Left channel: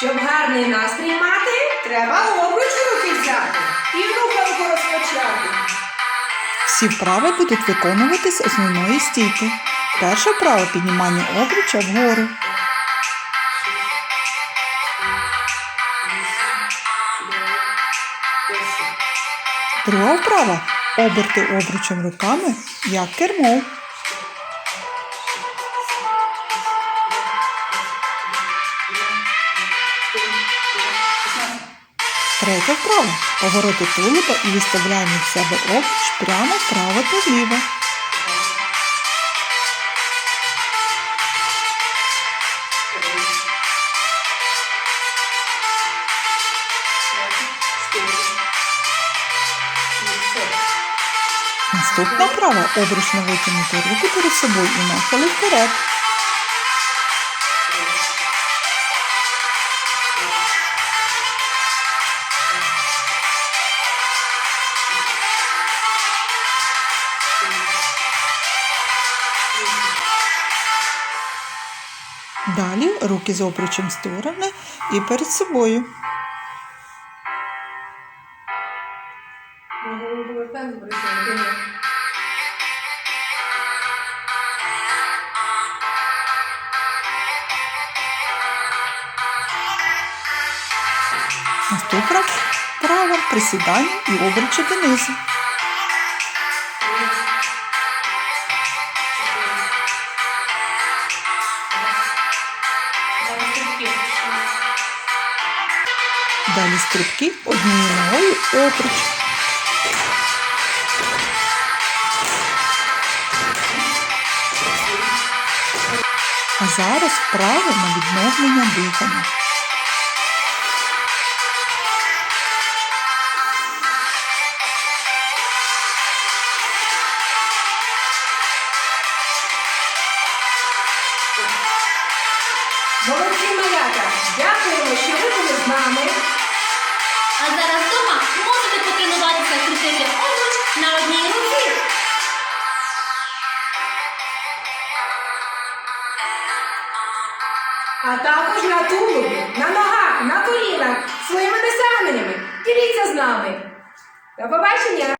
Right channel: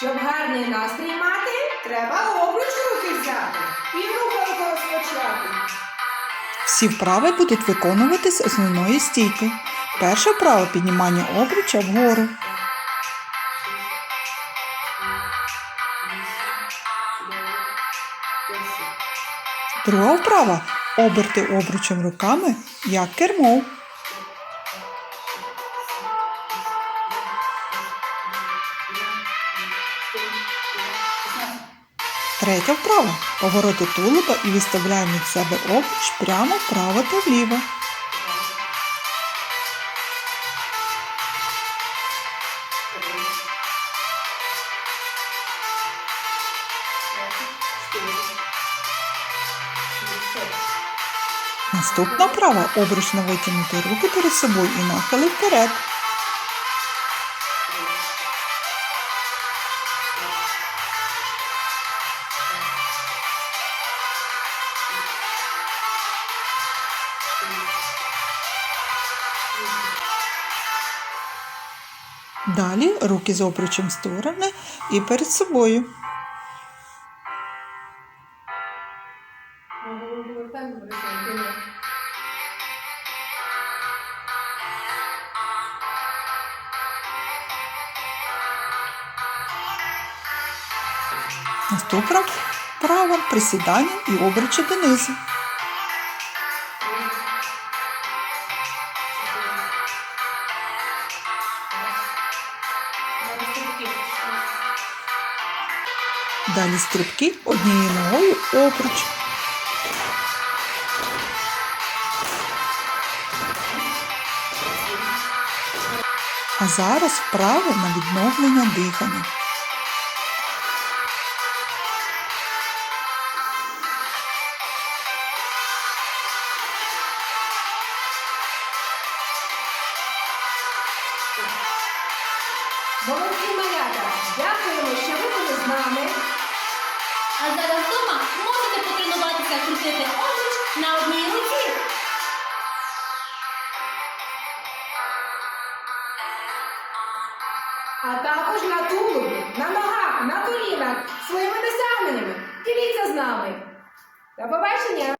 Щоб гарний настрій мати, треба обруч руки взяти і руханку розпочати. Всі вправи будуть виконуватись з основної стійки. Перша вправа піднімання обруча вгору. Друга вправа оберти обручем руками, як кермо. Третя вправа повороти тулуба і виставляємо від себе обруч прямо вправо та вліво. Наступна вправа обручно витягнути руки перед собою і нахили вперед. Далі руки з обручем сторони і перед собою. Наступна вправа присідання і обручі донизу. Далі стрибки однією ногою обруч. А зараз вправи на відновлення дихання. Молодці потренуватися крутити обруч на одній руці. А також на тулубі, на ногах, на колінах, своїми досягненнями. Діліться з нами. До побачення!